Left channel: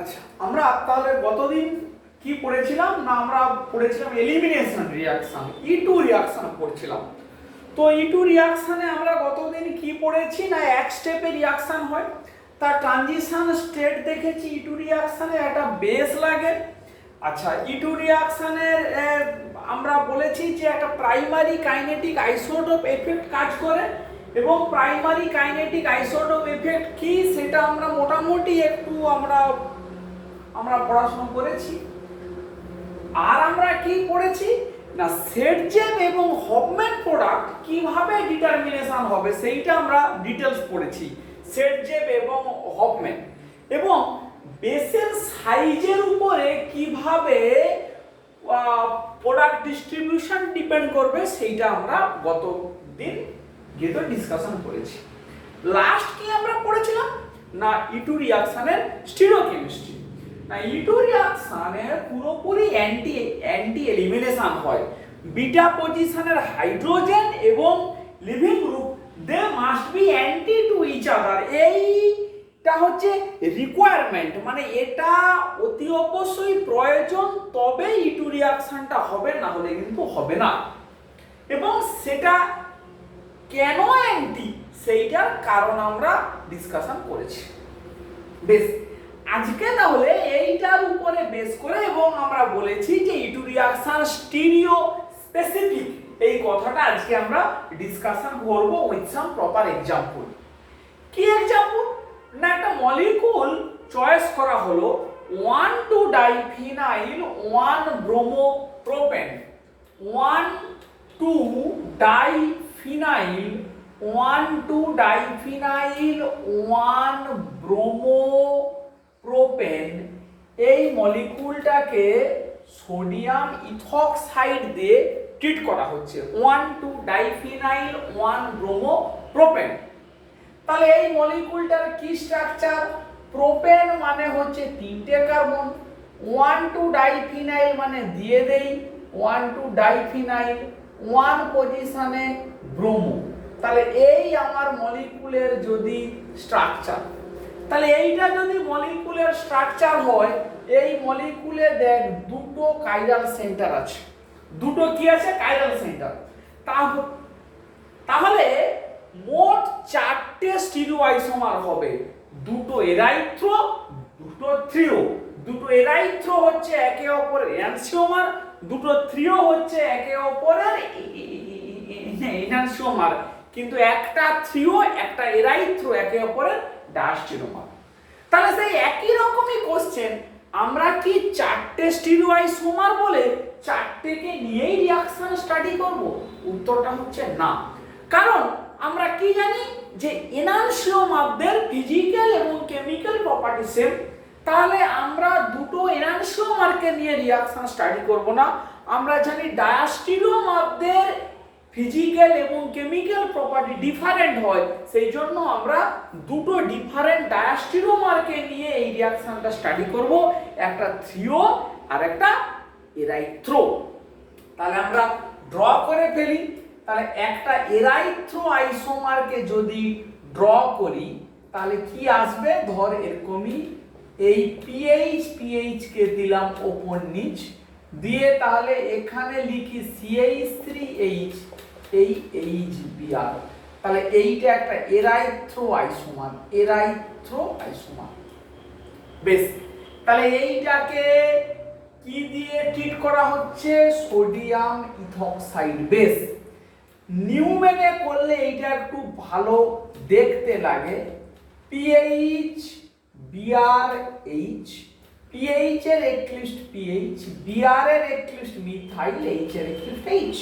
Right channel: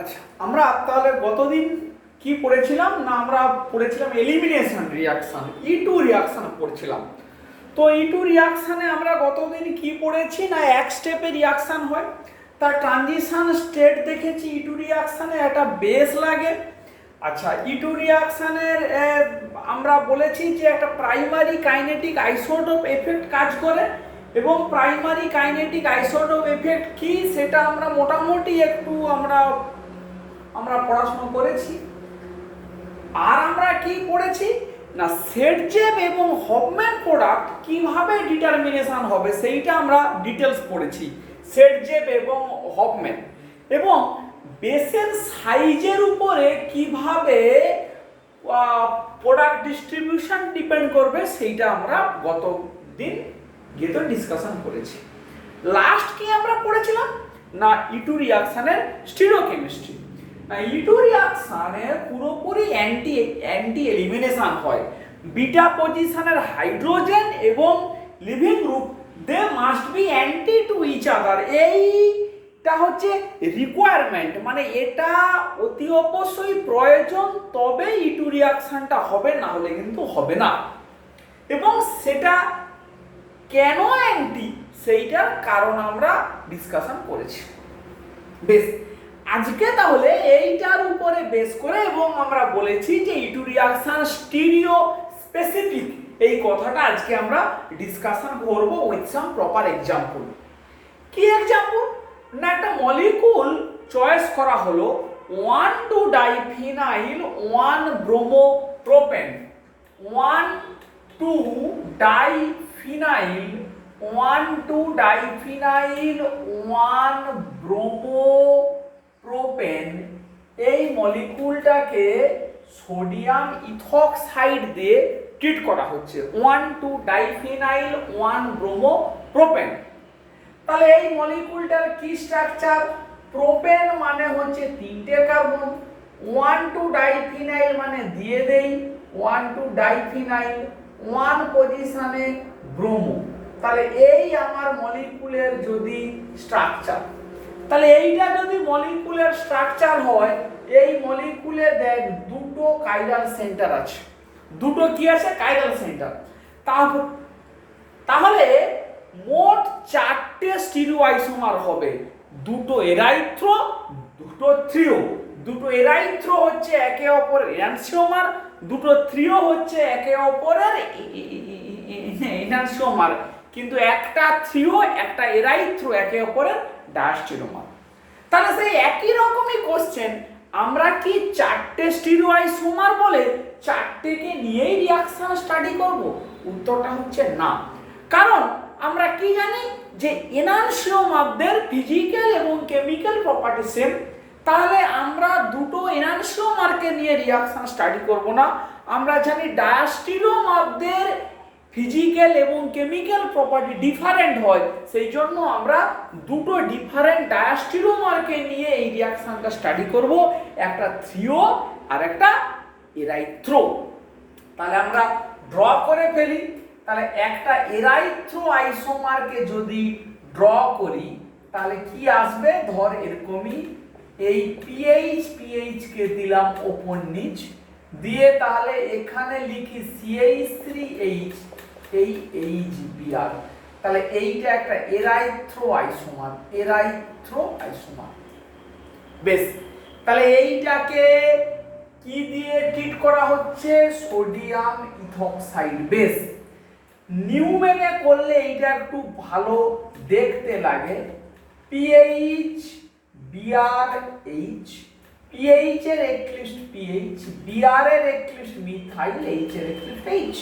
আচ্ছা, আমরা তাহলে গতদিন কি পড়েছিলাম না, আমরা পড়েছিলাম এলিমিনেশন রিয়াকশন, E2 রিয়াকশন পড়ছিলাম। তো E2 রিয়াকশনে আমরা গতদিন কি পড়েছি না, এক স্টেপে রিয়াকশন হয়, তার ট্রানজিশন স্টেট দেখেছি। E2 রিয়াকশনে একটা বেস লাগে। আচ্ছা, E2 রিয়াকশনের আমরা বলেছি যে একটা প্রাইমারি কাইনেটিক আইসোটোপ এফেক্ট কাজ করে, এবং প্রাইমারি কাইনেটিক আইসোটোপ এফেক্ট কি সেটা আমরা মোটামুটি একটু আমরা পড়াশোনা করেছি। আর আমরা কি পড়েছি না, সেটজেব এবং হফম্যান প্রোডাক্ট কিভাবে ডিটারমিনেশন হবে সেইটা আমরা ডিটেলস পড়েছি, সেটজেব এবং হফম্যান। এবং বেসের সাইজের উপরে কিভাবে প্রোডাক্ট ডিস্ট্রিবিউশন ডিপেন্ড করবে সেইটা আমরা গত দিন গিয়ে তো ডিসকাশন করেছি। লাস্ট কি আমরা পড়েছিলাম না, E2 রিয়াকশনের স্টিরিওকেমিস্ট্রি। না, E2 রিয়াকশনের পুরোপুরি অ্যান্টি এলিমিনেশন হয়। বিটা পজিশনের হাইড্রোজেন এবং leaving group they must be anti to each other. এইটা হচ্ছে রিকোয়ারমেন্ট, মানে এটা অতি অবশ্যই প্রয়োজন, তবে E2 রিয়াকশনটা হবে, না হলে কিন্তু হবে না। এবং সেটা কেন অ্যান্টি সেইটার কারণ আমরা ডিসকাশন করেছি। বেশ, আজকে তাহলে এইটার উপরে বেস করে এবং আমরা বলেছি যে E2 রিয়াকশন স্টিরিও স্পেসিফিক, এই কথাটা আজকে আমরা ডিসকাশন করব উইথ সাম প্রপার এক্সাম্পল। কি এক্সাম্পল না, একটা মলিকুল চয়েস করা হলো 1,2-ডাইফিনাইল 1-ব্রোমোপ্রোপেন, 1,2-ডাইফিনাইল 1,2-ডাইফিনাইল 1-ব্রোমোপ্রোপেন। এই মলিকুলটাকে সোডিয়াম ইথক্সাইড দিয়ে ট্রিট করা হচ্ছে, 1,2-ডাইফিনাইল 1-ব্রোমোপ্রোপেন। তাহলে এই মলিকুলটার কি স্ট্রাকচার, প্রোপেন মানে হচ্ছে 3টে কার্বন, 1,2-ডাইফিনাইল মানে দিয়ে দেই 1,2-ডাইফিনাইল 1 পজিশনে ব্রোমো। তাহলে এই আমার মলিকুলের যদি স্ট্রাকচার, তাহলে এইটা যদি মলিকুলের স্ট্রাকচার হয়, এই মলিকুলে দেখ দুটো কাইরাল সেন্টার আছে, দুটো কি আছে কাইরাল সেন্টার। তাহলে মোট 4টে স্টিরিওআইসোমার হবে, দুটো এরাইথ্রো, দুটো থ্রিও। দুটো এরাইথ্রো হচ্ছে একে অপরের এনানসিওমার, দুটো থ্রিও হচ্ছে একে অপরের এনানসিওমার, কিন্তু একটা থ্রিও একটা এরাইথ্রো একে অপরের ডায়াস্টেরিওমার। তাহলে সেই একই রকমই কোশ্চেন, আমরা কি 4টে স্টিরিওআইসোমার বলে 4টেকে নিয়েই রিঅ্যাকশন স্টাডি করব? উত্তরটা হচ্ছে না। কারণ আমরা কি জানি যে এনানসিওমারদের ফিজিক্যাল এবং কেমিক্যাল প্রপার্টি সেম। তাহলে আমরা দুটো এনানসিওমারকে নিয়ে রিঅ্যাকশন স্টাডি করব না। আমরা জানি ডায়াস্টেরিওমারদের ফিজিক্যাল এবং কেমিক্যাল প্রপার্টি ডিফারেন্ট হয়, সেই জন্য আমরা দুটো ডিফারেন্ট ডায়াস্টেরিওমারকে নিয়ে এই রিঅ্যাকশনটা স্টাডি করব, একটা থ্রিও আর একটা এরাইথ্রো। তাহলে আমরা ড্র করে ফেলি। তাহলে একটা এরাইথ্রো আইসোমারকে যদি ড্র করি তাহলে কি আসবে, ধর এরকমই এই পিএইচ কে দিলাম ওপর নিচ দিয়ে, তাহলে এখানে লিখি CH3H, এই HBr। তাহলে এইটা একটা এরাইথ্রো আইসোমার, এরাইথ্রো আইসোমার। বেশ, তাহলে এইটাকে কি দিয়ে ট্রিট করা হচ্ছে, সোডিয়াম ইথক্সাইড। বেশ, নিউমেনে করলে এইটা একটু ভালো দেখতে লাগে, PH BrH, PH এর একলিস্ট PH, Br এর একলিস্ট মিথাইল, H এর একলিস্ট H।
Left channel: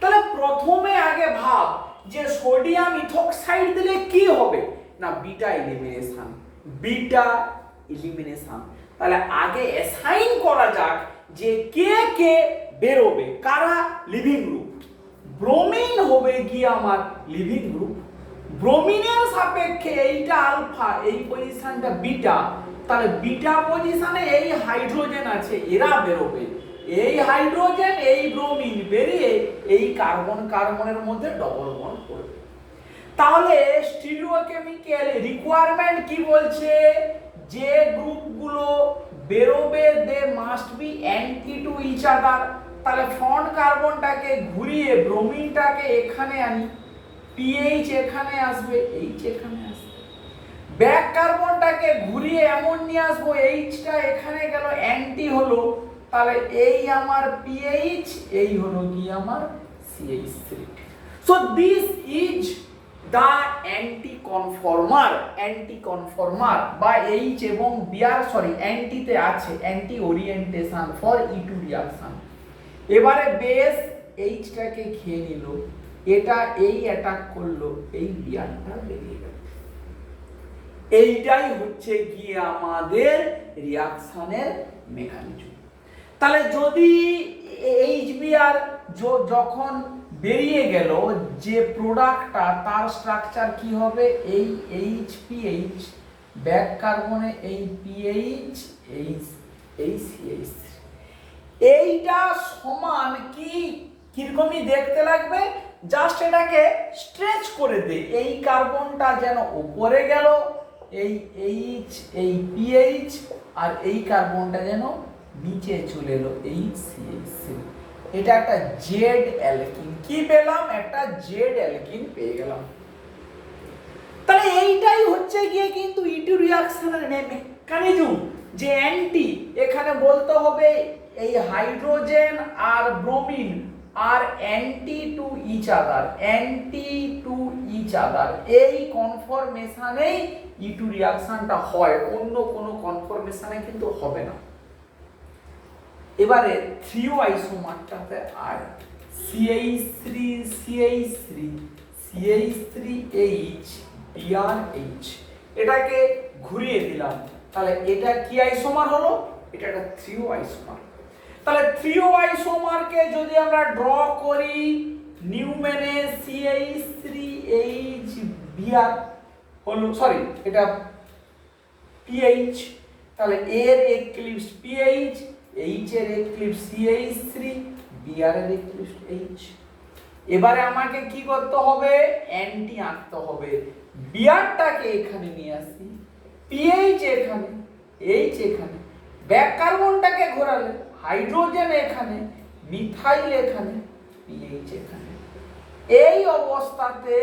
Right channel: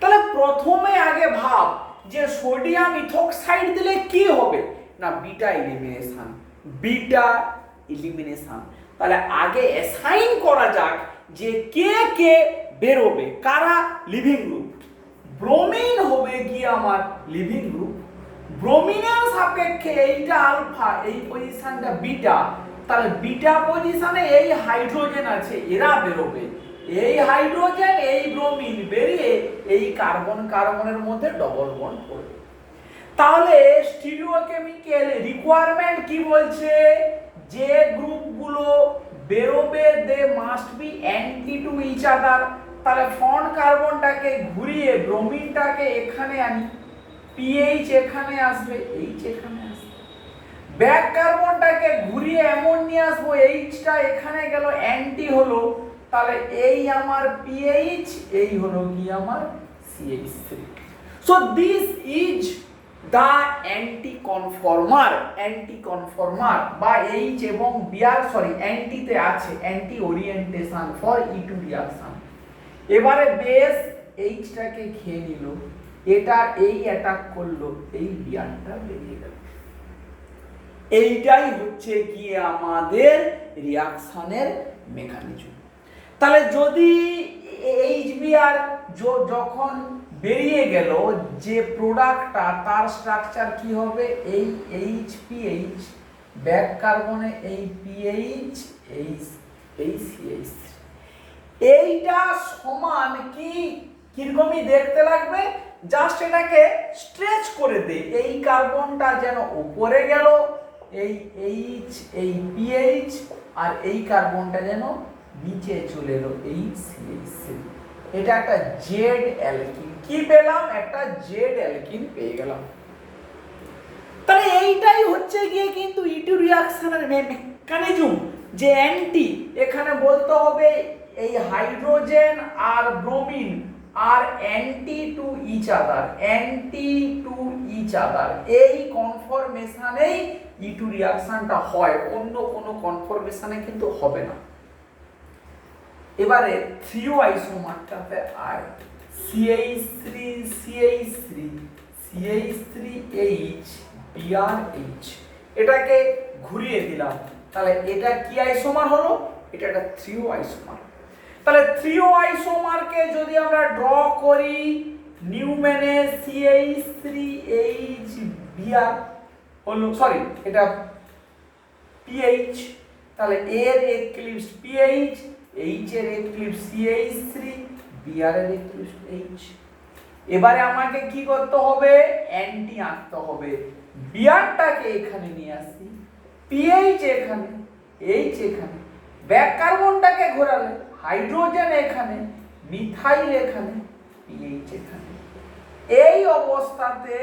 তাহলে প্রথমে আগে ভাব যে সোডিয়াম ইথক্সাইড দিলে কি হবে না, বিটা এলিমিনেশন, বিটা এলিমিনেশন। তাহলে আগে অ্যাসাইন করা যাক যে কে কে বেরোবে, কারা লিভিং গ্রুপ। ব্রোমিন হবে কি আমার লিভিং গ্রুপ, ব্রোমিনের সাপেক্ষে এইটা আলফা, এই পজিশনটা বিটা। তাহলে বিটা পজিশনে এই হাইড্রোজেন আছে, এরা বেরোবে, এই হাইড্রোজেন এই ব্রোমিন বেরিয়ে এই কার্বন কার্বনের মধ্যে ডবল বন্ড করবে। তাহলে স্টিরিওকেমিক্যাল রিকোয়ারমেন্ট কি বলছে, যে গ্রুপগুলো be anti to each other. তাহলে ফ্রন্ট কার্বনটাকে ঘুরিয়ে ব্রোমিনটাকে এখানে আনি, পিএইচ এখানে আসবে, এইচ এখানে আসবে। ব্যাক কার্বনটাকে ঘুরিয়ে এমন নিয়ে আসবো, এইচটা এখানে গেল, অ্যান্টি হলো, তাহলে এই আমার পিএইচ, এই হলো কি আমার CH3। So this is the anti conformer বা এইচ এবং বিআর, সরি অ্যান্টিতে আছে anti orientation for E2 reaction. এবারে বেস এইচটাকে খেয়ে নিল, এটা এই অ্যাটাক করলো, এই বিআরটা বেরিয়ে গেল। এইটাই হচ্ছে গিয়ে আমাদের রিঅ্যাকশনের মেকানিজম। তাহলে যদি এইচবিআর যখন বেরিয়ে গেল, যে প্রোডাক্টটা তার স্ট্রাকচার কি হবে, এই এইচপিএইচ, ব্যাক কার্বনে এই পিএইচ, এই CH3, এইটা সমান কি কিরকমই দেখতে লাগবে, জাস্ট এটাকে স্ট্রেচ করে দে, এই কার্বনটা যেন উপরে গেল, এই এইচ, এই পিএইচ, আর এই কার্বনটা যেন নিচে চলে এলো, এই CH3। এটা একটা জেড অ্যালকিন। কি পেলাম? একটা জেড অ্যালকিন পেয়ে গেলাম। তাহলে এইটাই হচ্ছে গিয়ে কিন্তু E2 রিঅ্যাকশনের মেকানিজম, যে অ্যান্টি এখানে বলতে হবে এই হাইড্রোজেন আর ব্রোমিন আর অ্যান্টি টু ইচ আদার, এই কনফরমেশনেই E2 রিঅ্যাকশনটা হয়, অন্য কোনো কনফরমেশনে কিন্তু হবে না। এবারে 3O আইসোমারটাতে আয়, CH3H, BrH, এটাকে ঘুরিয়ে দিলাম, তাহলে এটা কি আইসোমার হলো? এটা একটা 3O আইসোমার। তাহলে 3O আইসোমারকে যদি আমরা ড্র করি, নিউম্যানে CH3H Br হলো, সরি এটা PH, তাহলে এর এক্লিপস PH, H এর এক্লিপস CH3, Br এর এক্লিপস H। এবারে আমাকে কি করতে হবে? অ্যান্টি আনতে হবে। Brটাকে এখানে নিয়ে আসি, PH এখানে, H এখানে, ব্যাক কার্বনটাকে ঘোরালে হাইড্রোজেন এখানে, মিথাইল এখানে, PH এখানে। এই অবস্থাতে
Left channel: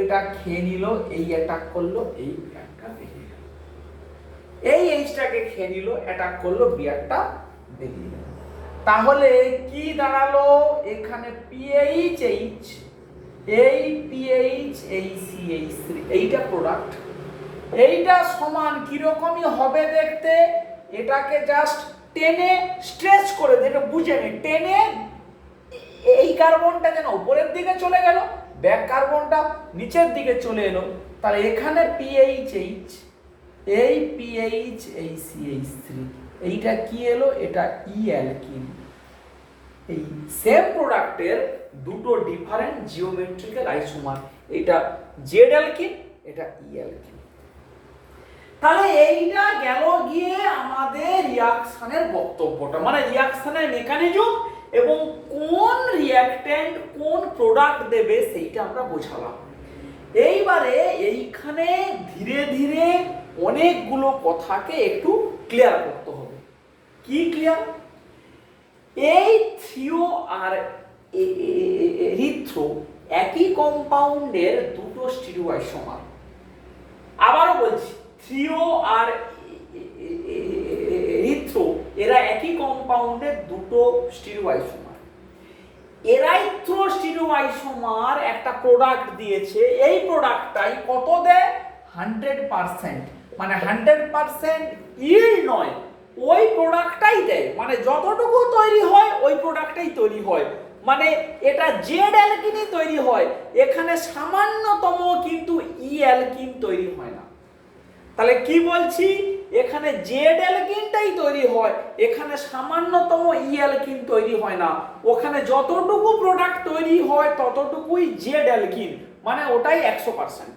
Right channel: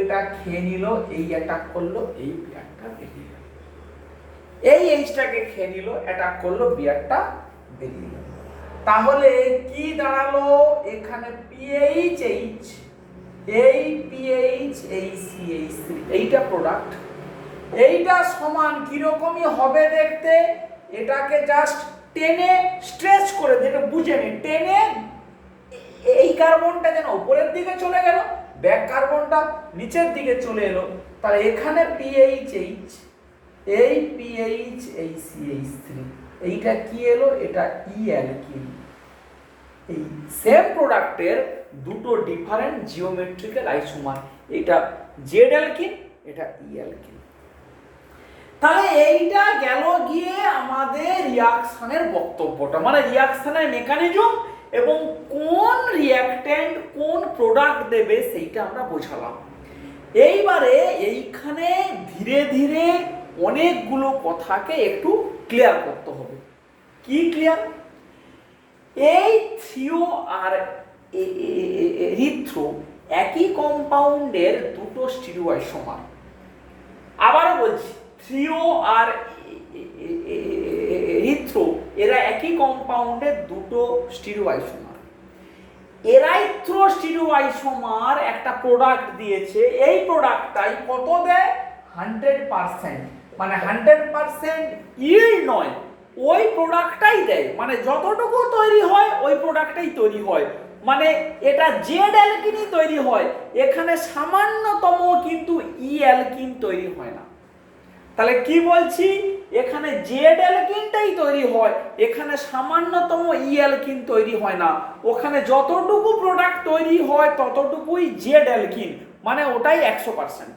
এটা খেয়ে নিল, এই অ্যাটাক করলো, এই বিআরটা বেরিয়ে গেল। এই এইচটাকে খেয়ে নিল, অ্যাটাক করলো, বিআরটা বেরিয়ে গেল। তাহলে কি দাঁড়ালো? এখানে PHH, এই PH, এই CH3, এইটা প্রোডাক্ট। এইটা সমান কিরকমই হবে দেখতে, এটাকে জাস্ট টেনে স্ট্রেচ করে দিয়ে, এটা বুঝে নে, টেনে এই কার্বনটা যেন উপরের দিকে চলে গেল, ব্যাক কার্বনটা নিচের দিকে চলে এলো, তাহলে এখানে PHH, এই PH, এই CH3, এইটা কি এলো? এটা ই অ্যালকিন। এই সেম প্রোডাক্টের দুটো ডিফারেন্ট জিওমেট্রিক্যাল আইসোমার, এটা জেড অ্যালকিন, এটা ই অ্যালকিন। তাহলে এইটা গেল গিয়ে আমাদের রিঅ্যাকশনের বক্তব্যটা, মানে রিঅ্যাকশনের মেকানিজম এবং কোন রিঅ্যাকট্যান্ট কোন প্রোডাক্ট দেবে সেইটা আমরা বোঝালাম। এইবারে এইখানে ধীরে ধীরে অনেকগুলো কথাকে একটু ক্লিয়ার করতে হবে। কি ক্লিয়ার? এই থ্রিও আর এরিথ্রো একই কম্পাউন্ডের দুটো স্টিরিওআইসোমার। আবারও বলছি, থ্রিও আর এরিথ্রো এরা একই কম্পাউন্ডের দুটো স্টিরিওআইসোমার। এরাইথ্রো স্টিরিওআইসোমার একটা প্রোডাক্ট দিয়েছে, এই প্রোডাক্টটাই কত দেয়? 100%, মানে 100% ইল্ড নয়, ওই প্রোডাক্টটাই দেয়, মানে যতটুকু তৈরি হয় ওই প্রোডাক্টটাই তৈরি হয়, মানে এটা জেড অ্যালকিনই তৈরি হয়, এখানে সামান্যতম কিন্তু ই অ্যালকিন তৈরি হয় না। তাহলে কি বলছি? এখানে জেড অ্যালকিনটাই তৈরি হয়, এখানে সামান্যতম ই অ্যালকিন তৈরি হয় না, ওখানে যতটুকু প্রোডাক্ট তৈরি হয় ততটুকুই জেড অ্যালকিন, মানে ওটাই 100%।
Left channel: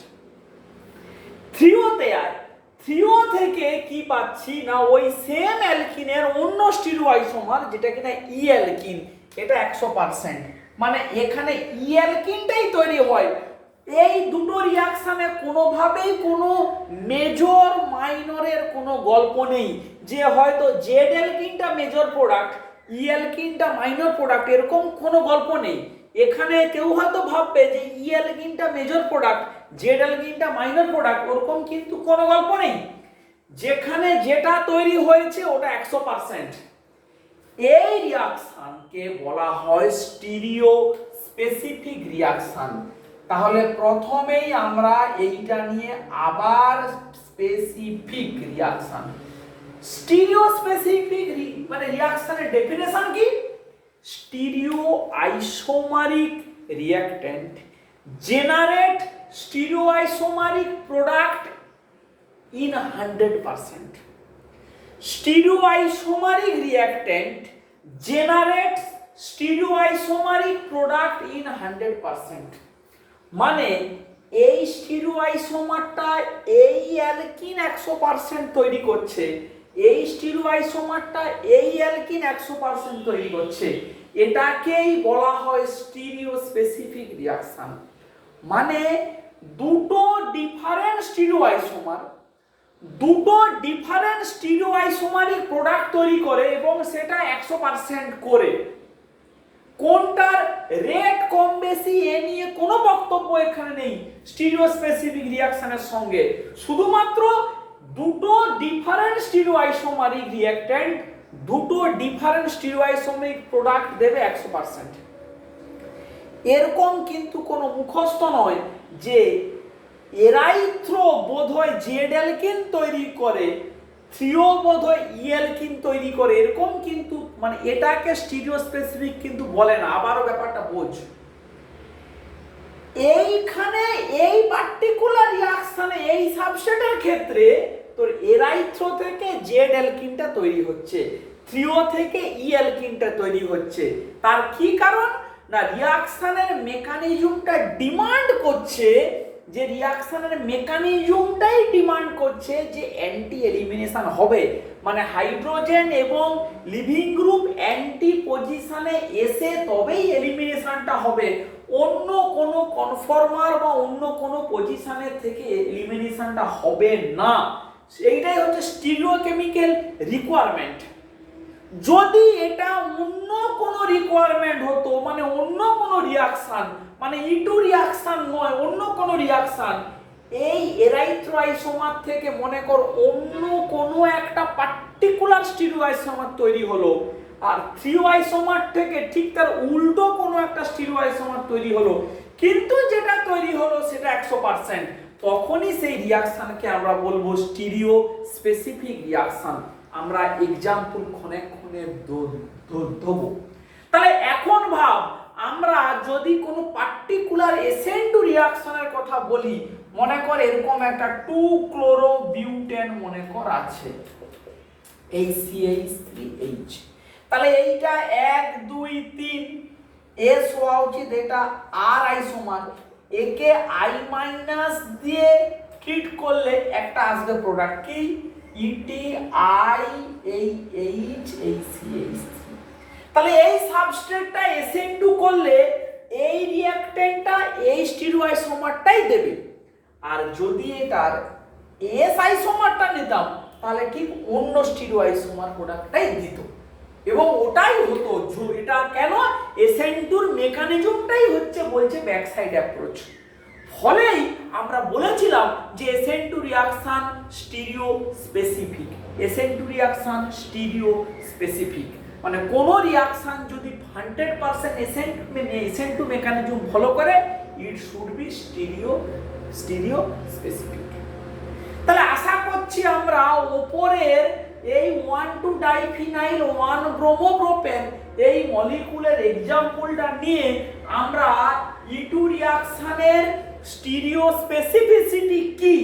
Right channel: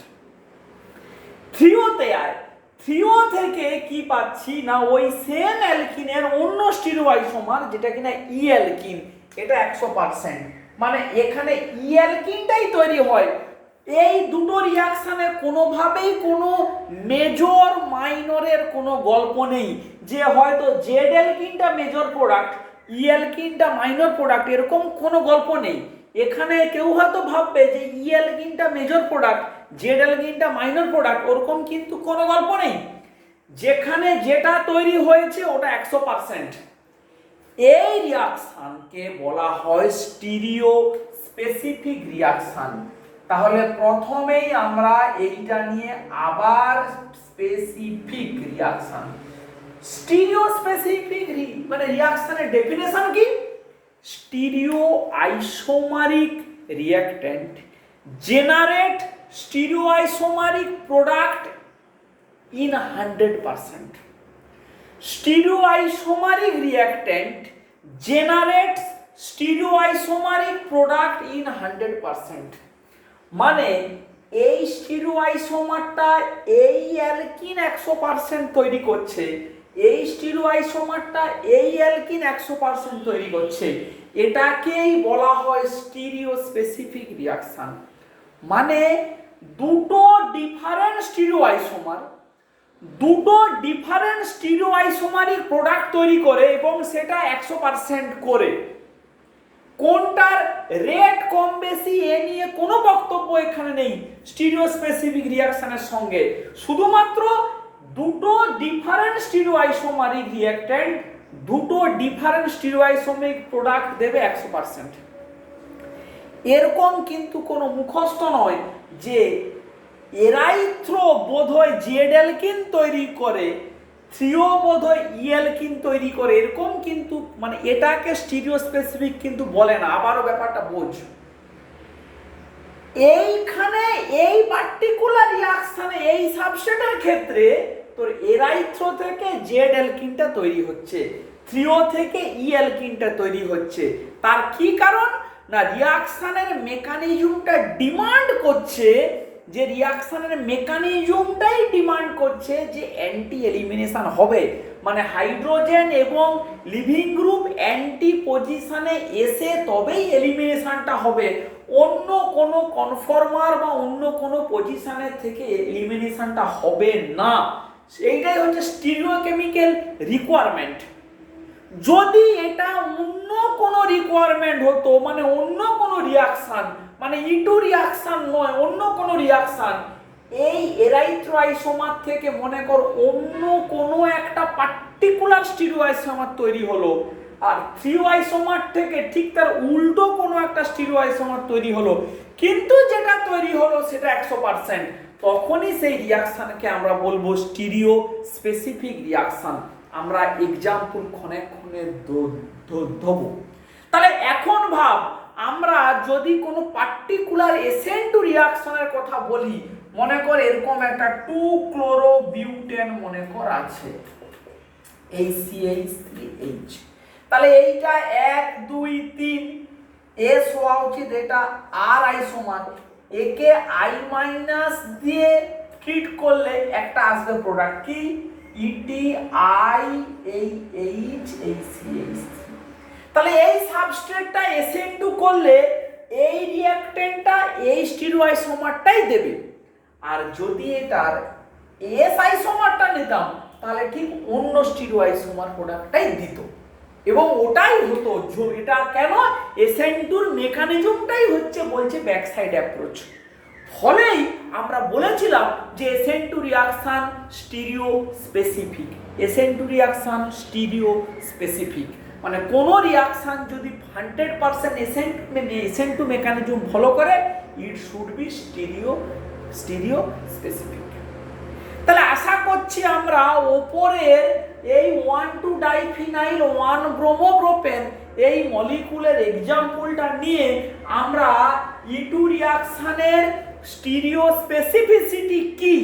থ্রিওতে আয়, থ্রিও থেকে কি পাচ্ছি না, ওই সেম অ্যালকিনের অন্য স্টিরিওআইসোমার যেটা কিনা ই অ্যালকিন, এটা 100%, মানে এখানে ই অ্যালকিনটাই তৈরি হয়, এই দুটো রিয়াকশানে কোনোভাবেই কোনো মেজর মাইনরের কোনো গল্প নেই যে হয়তো জেড অ্যালকিনটা মেজর প্রোডাক্ট ই অ্যালকিনটা মাইনর প্রোডাক্ট, এরকম কোনো গল্প নেই। এখানে কেউ হয়তো ভাববে যে ই অ্যালকিনটা মেজর প্রোডাক্ট জেড অ্যালকিনটা মাইনর প্রোডাক্ট, ওরকম কিন্তু কোনো গল্প নেই। যেখানে যেটা তৈরি হয়েছে ওটা 100%। এই রিয়াকশনকে বলা হয় স্টিরিও স্পেসিফিক রিয়াকশন। তাহলে প্রথমেই আমরা এইটা নিয়ে আবার স্পেসিফিক রিয়াকশন, স্টিরিও স্পেসিফিক মানে রিয়াকশনের ডেফিনেশন কি? Stereo isomeric reactant generate stereo isomeric product in 100%. Stereoisomeric reactant generates stereoisomeric product in 100%. মানে এই স্টিরিওআইসোমারটা এই অ্যালকিন 100% তৈরি করছে, এই স্টিরিওআইসোমারটা এই অ্যালকিন 100% তৈরি করছে, এটাকেই বলা হয় স্টিরিও স্পেসিফিক রিয়াকশন। মানে দুটো ডিফারেন্ট স্টিরিওআইসোমার দুটো ডিফারেন্ট স্টিরিওআইসোমারিক প্রোডাক্ট তৈরি করে এবং সেটা 100% করে। কোনটার রেট কম বেশি এ নিয়ে কোনো বক্তব্য এখানে নেই স্টিরিও স্পেসিফিক রিয়াকশনের সঙ্গে, শুধুমাত্র দুটো ডিফারেন্ট স্টিরিওআইসোমারিক রিঅ্যাক্ট্যান্ট দুটো ডিফারেন্ট স্টিরিওআইসোমারিক প্রোডাক্ট দেবে 100%। এরকম কিন্তু কোনো মুখস্থ নয় যে এরাইথ্রো বোধহয় জেড অ্যালকিন তৈরি করে, থ্রিও বোধহয় ই অ্যালকিন তৈরি করে, এরকম কিন্তু মানে এটাকে স্টিরিও স্পেসিফিক কিন্তু বলে না। আবারও ব্যাপারটা বোঝ, এইখানে এই পার্টিকুলার রিঅ্যাকশনে এই সাবস্ট্রেটের ক্ষেত্রে তোর এরাইথ্রো থেকে জেড অ্যালকিনটা তৈরি হচ্ছে, থ্রিও থেকে ই অ্যালকিনটা তৈরি হচ্ছে। তার কি কারণ? না, রিঅ্যাকশনের মেকানিজমটা ডিমান্ড করছে, যে রিঅ্যাকশনের মেকানিজমটাই ডিমান্ড করছে যে অ্যান্টি এলিমিনেশন হবে, মানে হাইড্রোজেন এবং লিভিং গ্রুপ অ্যান্টি পজিশনে এসে তবেই এলিমিনেশনটা হবে, অন্য কোনো কনফর্মার বা অন্য কোনো পজিশনের থেকে এলিমিনেশনটা হবে না। এইটাই হচ্ছে স্টিরিওকেমিক্যাল রিকোয়ারমেন্ট। যদি এটা অন্য কোনো রিকোয়ারমেন্ট হতো, মানে অন্য কোনো রিয়াকশন, মানে ইটু রিয়াকশন নয়, অন্য কোনো রিয়াকশন, এই এরাইথ্রোআইসোমার থেকে মনে কর অন্য কোনো একটা পার্টিকুলার স্টিরিওআইসোমার তৈরি হলো, আর থ্রিওআইসোমার থেকে ঠিক তার উল্টো কোনো একটা স্টিরিওআইসোমার তৈরি হলো, কিন্তু যেটা তৈরি হলো সেটা 100%, তখনই সেই রিয়াকশনকে আমরা বলবো স্টিরিও স্পেসিফিক রিয়াকশন। আমরা এক্সাম্পল ক্ষণে ক্ষণে দেবো। তাহলে এখন ভাব, আমরা যদি কোনো পার্টিকুলার SN2 রিয়াকশনের কথা বলি, মনে কর এরকম একটা 2-chlorobiutane মনে কর আছে, এই CH3H, তাহলে এইটা 1 2 3 S হওয়া উচিত, এটা R আইসোমার, একে I- দিয়ে ট্রিট করলে একটা আসবে প্রোডাক্ট কি ETIAH. তাহলে এই সাবস্ট্রেটটা SN2 করলে এই রিঅ্যাক্ট্যান্টটা এই স্টিরিওআইসোমারটাই দেবে, আর যদি এটার S আইসোমারটা নিতাম তাহলে ঠিক অন্য স্টিরিওআইসোমার প্রোডাক্টটাই দিত, এবং ওটাই হতো। এটা কেন? SN2 মেকানিজমটাই হচ্ছে বলছে ব্যাকসাইড অ্যাপ্রোচ। ফলেই আমরা বলেছিলাম যে SN2 reaction stereo specific, SN2 reaction stereo specific, মানে কোন রিয়াকশন যদি 100% SN2 মেকানিজম ফলো করে, it should be stereo specific. তাহলে আশা করছি আমরা উপরের এই 1,2-ডাইফিনাইল 1-ব্রোমোপ্রোপেন এই মলিকুলের এক্সাম্পলটা নিয়ে আমরা E2 রিয়াকশনের স্টিরিও স্পেসিফিসিটি কি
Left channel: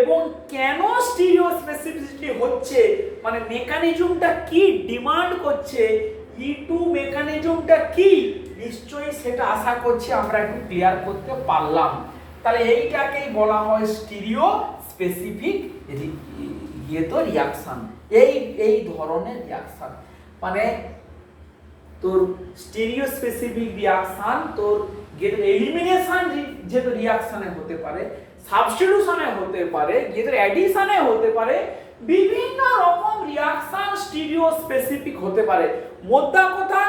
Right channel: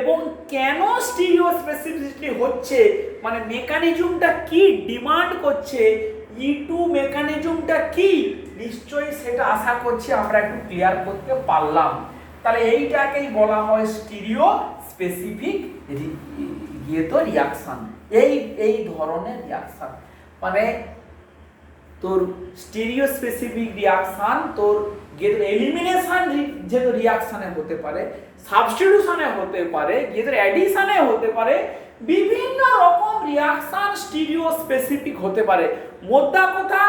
এবং কেন স্টিরিও স্পেসিফিসিটি হচ্ছে, মানে মেকানিজমটা কি ডিমান্ড করছে, E2 মেকানিজমটা কি, নিশ্চয়ই সেটা আশা করছি আমরা একটু ক্লিয়ার করতে পারলাম। তাহলে এইটাকেই বলা হয় স্টিরিও স্পেসিফিক রিয়াকশন। এই ধরনের রিয়াকশন মানে তোর স্টিরিও স্পেসিফিক রিয়াকশন তোর এলিমিনেশন যেহেতু রিয়াকশনে হতে পারে, সাবস্টিটিউশনে হতে পারে, যেহেতু অ্যাডিশনে হতে পারে, বিভিন্ন রকম রিয়াকশন স্টিরিও স্পেসিফিক হতে পারে। মোদ্দা কথা,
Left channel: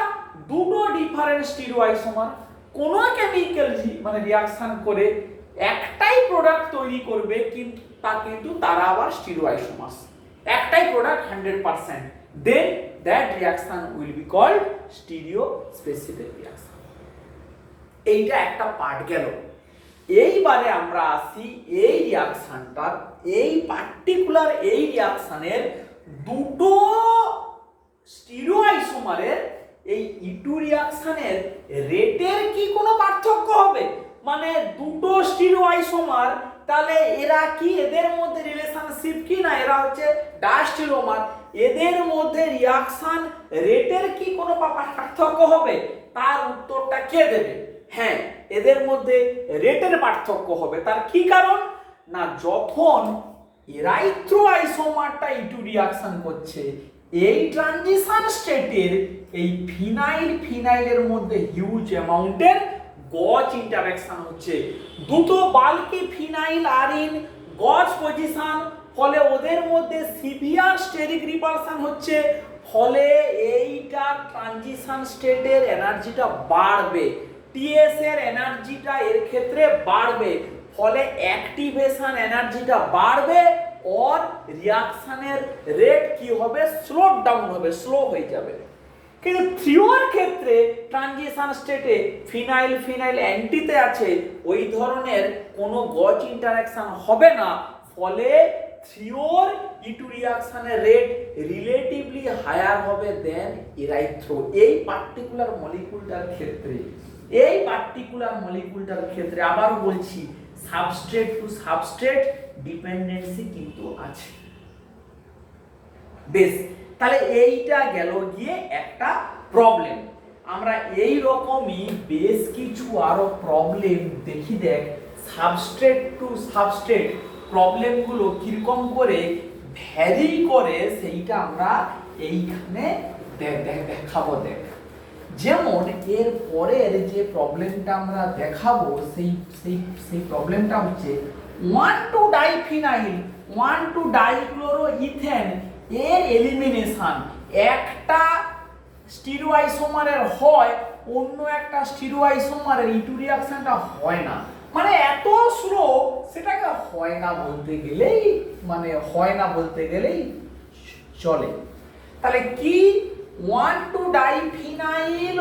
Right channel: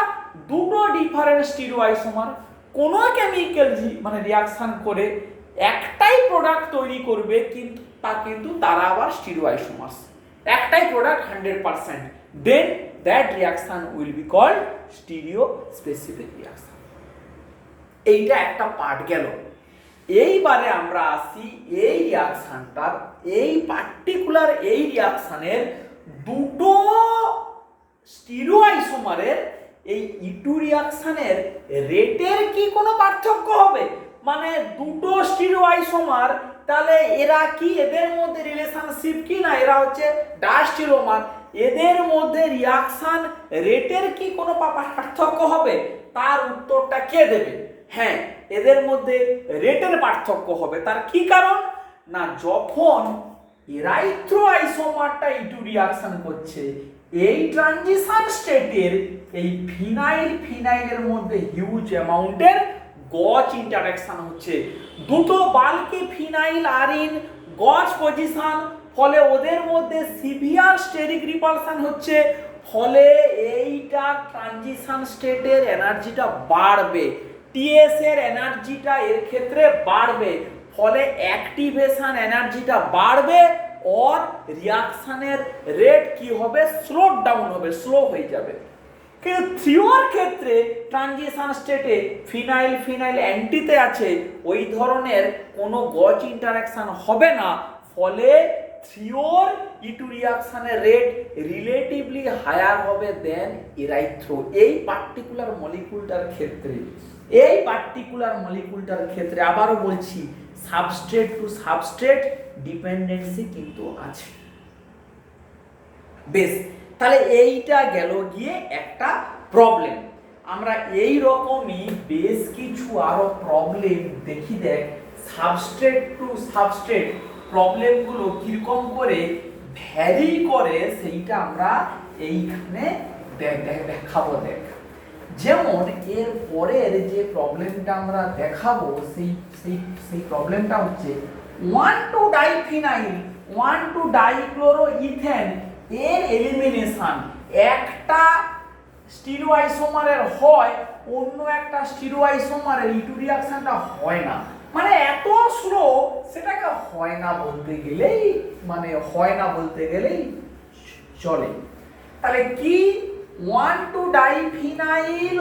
দুটো ডিফারেন্ট স্টিরিও আইসোমার কোন কেমিক্যাল মানে রিয়াকশন করে একটাই প্রোডাক্ট তৈরি করবে, কিন্তু তারা আবার স্টিরিও আইসোমার্স, একটাই product 100%, then that reaction will be called stereospecific reaction. এইটা একটা পার্ট গেল। এইবারে আমরা আসি এই রিয়াকশনটার, এই পার্টিকুলার এই রিয়াকশনের দুটো স্টিরিও আইসোমারের এই ইটু রিয়াকশনের রেটের কি কোনো পার্থক্য হবে? মানে দুটো স্টিরিও আইসোমার, তাহলে এরা কি, এদের মধ্যে রিলেশনশিপ কি না, এরা হচ্ছে ডাস্টিরিওমার, এদের মধ্যে রিয়াকশন রেটের কি কোনো পার্থক্য হবে? তার উত্তরটা কে দেবে? হ্যাঁ, এদের মধ্যে রেটের পার্থক্য হবে। তার কি কারণ? না, যখন এরাইথ্রো আইসোমারটা ইটু রিয়াকশন করছে, এই ট্রানজিশন স্টেটের এই ফিনাইলের মধ্যে হিউজ অ্যামাউন্টের গজ ইন্টারঅ্যাকশন হচ্ছে। দুটো বাল্কি ফিনাইল আর ইন গজ পজিশন, ফলে ওদের মধ্যে সিভিয়ার স্টেরিক রিপালশন হচ্ছে, ফলে এইটা ট্রানজিশন স্টেটের এনার্জিটা বাড়বে, টিএস এর এনার্জিটা এর ক্ষেত্রে বাড়বে, ফলে অ্যাক্টিভেশন এনার্জিটা বাড়বে, और রিয়াকশনের রেট কি হবে? স্লো ডাউন হবে, স্লো হয়ে যাবে। কিন্তু থ্রিওর ক্ষেত্রে ট্রানজিশন স্টেটে ফিনাইল অ্যান্টিতে আছে, ওই ধরনের কোনো গজ ইন্টারঅ্যাকশন হবে না, ফলে থ্রিওর ইটু রিয়াকশনের রেট রিলেটিভলি হায়ার হবে দেন এরাইথ্রো। এই পার্টিকুলার মলিকুলটার ক্ষেত্রে আবারও বলছি, সাবস্ট্রেট টু সাবস্ট্রেট ডিপেন্ডেন্সি কিন্তু আছে। বেশ, তাহলে এইটা গেল গিয়ে একটা প্রবলেম। আমরা এই রকমই বেশ কিছু আরো প্রবলেম দেখি। দেখ, সাবস্ট্রেট টু সাবস্ট্রেট প্রবলেমগুলো কিরকম করে ভ্যারি করে সেইটা আমরা এইখানে দেখাবো। দেখ, যেমন এর পরের যে প্রবলেমটা আমরা দেখাবো, সেই প্রবলেমটা হচ্ছে 1,2-ডাইফিনাইল 1,2-ডাইক্লোরোইথেন এর এলিমিনেশন একটা স্টিরিও আইসোমারের হয়, অন্য একটা স্টিরিও আইসোমারের ইটু রিয়াকশনটা হয় না। মানে এত স্লো, সেটাকে হয় না বলতে গেলেই চলে। তাহলে কি 1,2-ডাইফিনাইল